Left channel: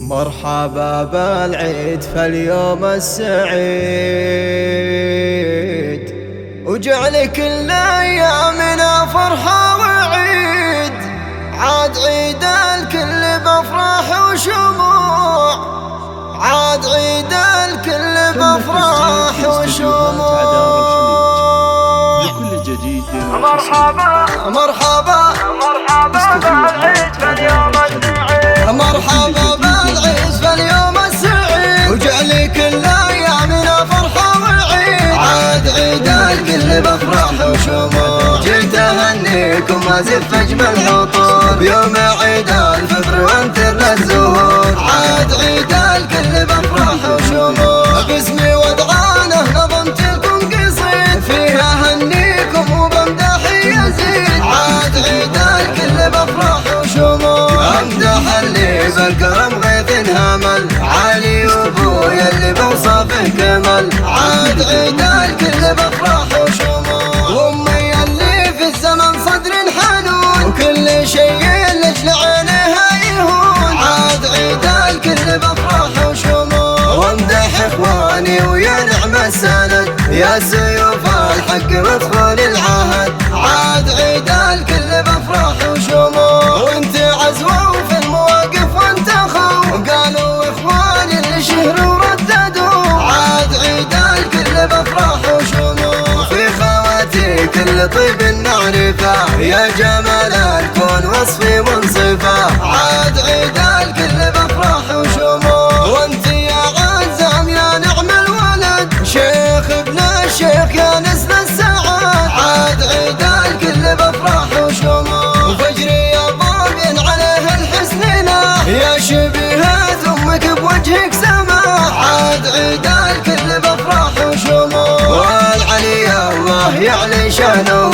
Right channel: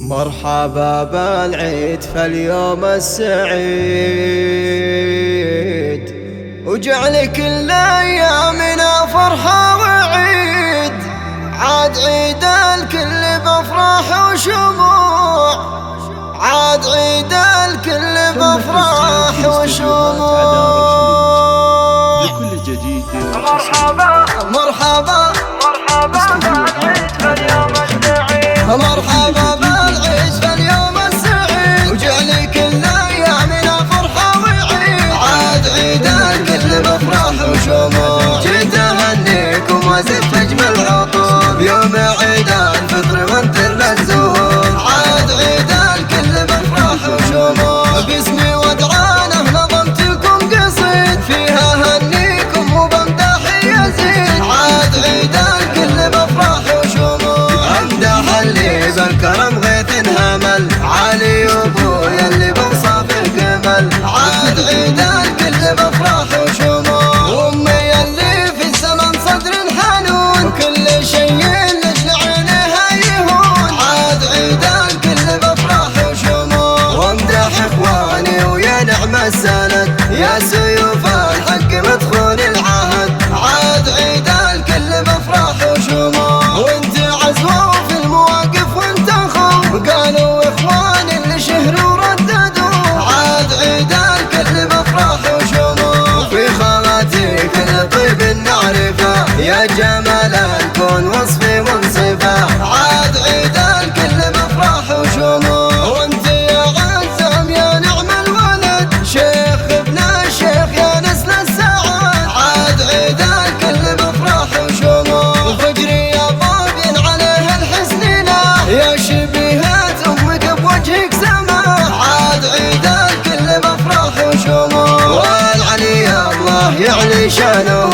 مرحبا بالعيد فاليوم السعيد، وجعل كل ايامنا فرحة وعيد. عاد عيد الكل بافراح وشموع، عاد عيد الكل بافراح وشموع. لكل جديد مرحبا مرحبا استديوهات عدار الخليج. مرحبا بالعيد فاليوم السعيد، وجعل كل ايامنا فرحة وعيد. عاد عيد الكل بافراح وشموع، جيت اهنيكم وازف اجمل عطور يوم عيد الفطر وانتر الزهور. عاد عيد الكل بافراح وشموع، باسمي ودعانه نظمت لكم قصيد فيها اهنيكم وبمدح يزيد. عاد عيد الكل بافراح وشموع، امدح اللي بالكرم غيث همل علي ابويا اللي بوصفه جمل. عاد عيد الكل بافراح وشموع، امي اللي في الزمن صدر حنون وكل شيء لاجل عينها يهون. عاد عيد الكل بافراح وشموع، وامدح اخواني ويا نعم السند يا سيوف الحق مدخول العهد. عاد عيد الكل بافراح وشموع، وانت عزوه في المواقف وانت خو قالوا اخواني اللي شهروا رددوا. عاد عيد الكل بافراح وشموع، وفي خواتي كل طيب نعرفه يا جمال الكون وصفي منصفه. عاد عيد الكل بافراح وشموع، وانت يا عزام يا نعم الولد شيخ ابن الشيخ يا نسل السعاد. عاد عيد الكل بافراح وشموع، وفجري يا طاغين عليه الحسن له يا شبيهة امك بوجهك سماح. عاد عيد الكل بافراح وشموع، والعلي الله يعلي شانه